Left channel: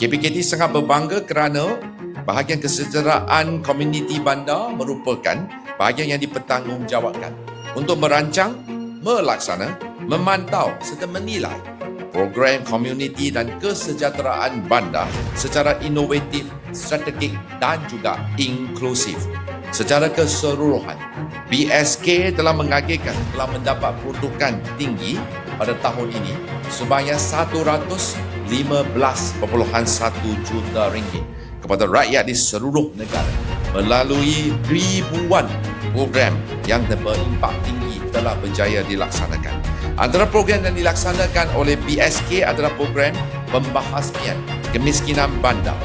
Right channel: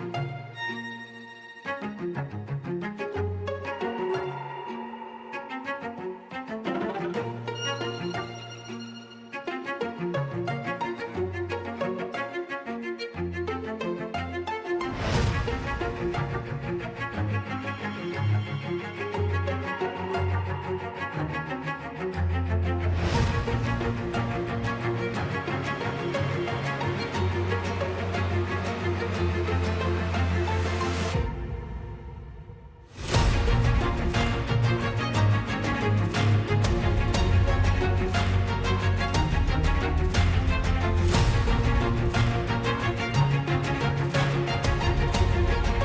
KPKT sangat berbangga kerana bahagian kesejahteraan komuniti bandar merupakan bahagian yang dipertanggungjawabkan untuk merancang, melaksana, memantau serta menilai program komuniti dan kesejahteraan bandar secara inovatif, strategik dan juga inklusif. Secara keseluruhan, BSK telah mengagihkan telah mendapat peruntukan tinggi pada tahun ini sebanyak 115.1 juta ringgit kepada rakyat di seluruh negara melalui ribuan program yang berimpak tinggi telah berjaya dilaksanakan. Antara program yang dilaksanakan oleh BSK adalah program pembahasmian kemiskinan bandar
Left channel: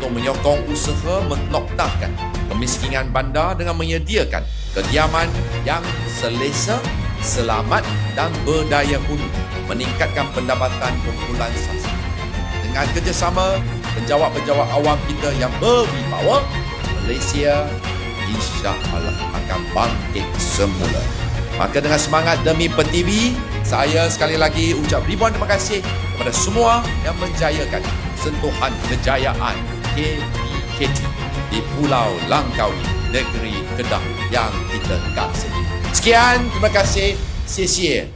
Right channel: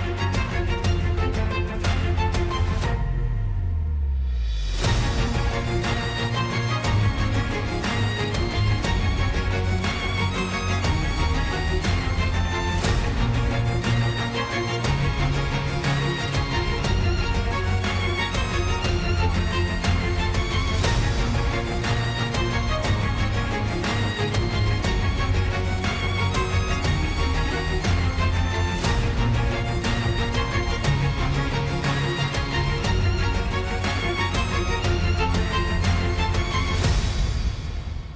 untuk menyokong usaha menoktakan kemiskinan bandar dengan menyediakan kediaman yang selesa, selamat dan berdaya guna meningkatkan pendapatan kumpulan saksi. Dengan kerjasama penjawat-penjawat awam kita yang berwibawa, Malaysia Allah akan bangkit semula. Maka dengan semangat demi Pertiwi, saya sekali lagi ucap ribuan terima kasih kepada semua yang menjayakan sentuhan kejayaan KPKT di Pulau Langkawi, negeri Kedah yang kita kasih. Sekian, terima kasih. 谢谢。